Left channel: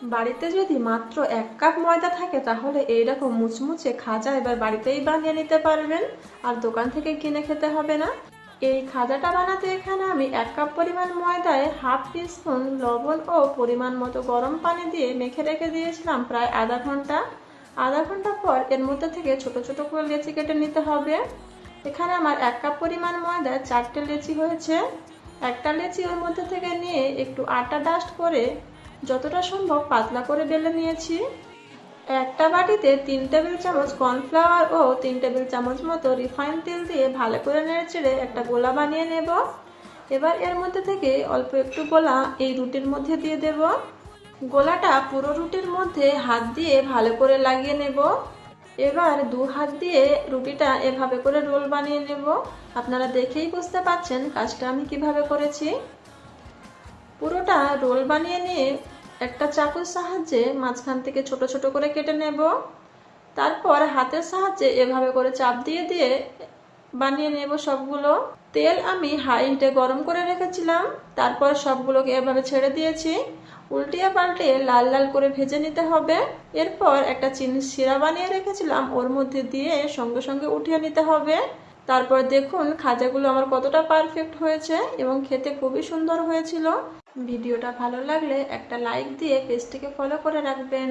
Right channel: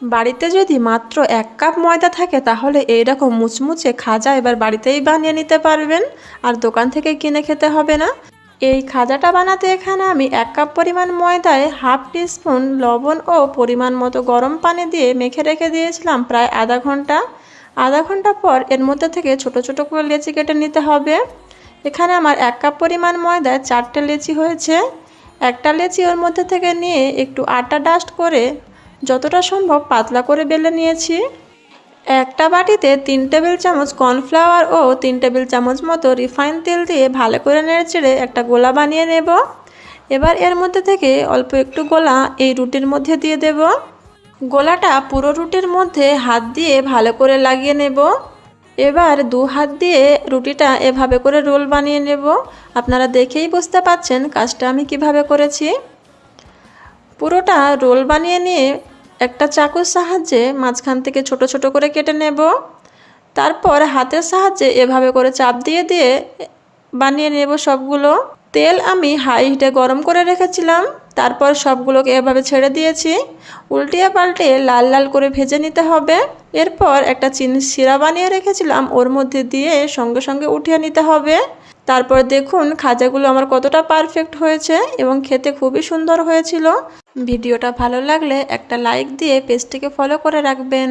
বাড়িতে যদি মাত্র 1 কাপ ময়দা থাকে তাহলে এইরকম মুচমুচে খাজা এবার বাড়িতেই বানিয়ে নিতে পারবেন, আর দোকান থেকে কিনে খেতে হবে না। এই খাজাটা বানাতে এখানে আমি 1 কাপ পরিমাণ ময়দায় হাফ টিস্পুন লবণ ও পরিমাণ মতো গরম পানি দিয়ে মেখে রেখে দিয়েছিলাম প্রায় আধা ঘন্টা। আধা ঘন্টা পর এর মধ্যে থেকে ছোট ছোট করে লেচি কেটে নিতে হবে। এখানে আমার 1 কাপ পরিমাণ ময়দায় 4টে লেচি হয়েছে। একটা লেচি ওর মধ্যে থেকে নিয়ে একটু আটা ডাস্ট করে যতটা সম্ভব পাতলা করে বেলে নিয়েছি। একটা বাটিতে 3 টেবিল চামচ কর্নফ্লাওয়ার ও 3 টেবিল চামচ মতো রিফাইন তেল দিয়ে ভালো করে নেড়েচেড়ে একটা গোলা বানিয়ে নেব। এবার এর মধ্যে থেকে অল্প একটু গোলা এই রুটির মধ্যে দিয়ে দেব। গোলাটা পুরো রুটির মধ্যে হাত দিয়ে ভালো করে লাগিয়ে নেব। এবার 2 হাত দিয়ে রুটিটা এভাবে করে রোল বানিয়ে নেব। আপনারা দেখেই বুঝতে পাচ্ছেন কাজটা আমি কিভাবে করেছি। পুরোটা রোল বানিয়ে নিয়ে একটা চাকুর সাহায্যে মাঝখান থেকে ছোট ছোট করে কেটে নেব। তারপর হাতের সাহায্যে এভাবে করে চাপ দিয়ে দিয়ে বানিয়ে নেব সবগুলো। তেল আমি হাই হিটে গরম করে রেখেছিলাম, তারপর সবগুলোকে এভাবে ছেড়ে দিয়েছি। উল্টিয়ে পাল্টে লাল লাল করে ভেজে নিতে হবে। এরপর একটা চিনির শিরা বানিয়ে রেখেছিলাম ওর মধ্যে দিয়ে সঙ্গে সঙ্গে উঠিয়ে নিতে হবে। তারপর দেখুন খাজাগুলো আমার কতটা পারফেক্ট হয়েছে এবং খেতে খুবই সুন্দর হয়েছিল। ভিডিওটা ভালো লাগলে একটা লাইক দিয়ে পেজটিকে ফলো করে রাখবেন।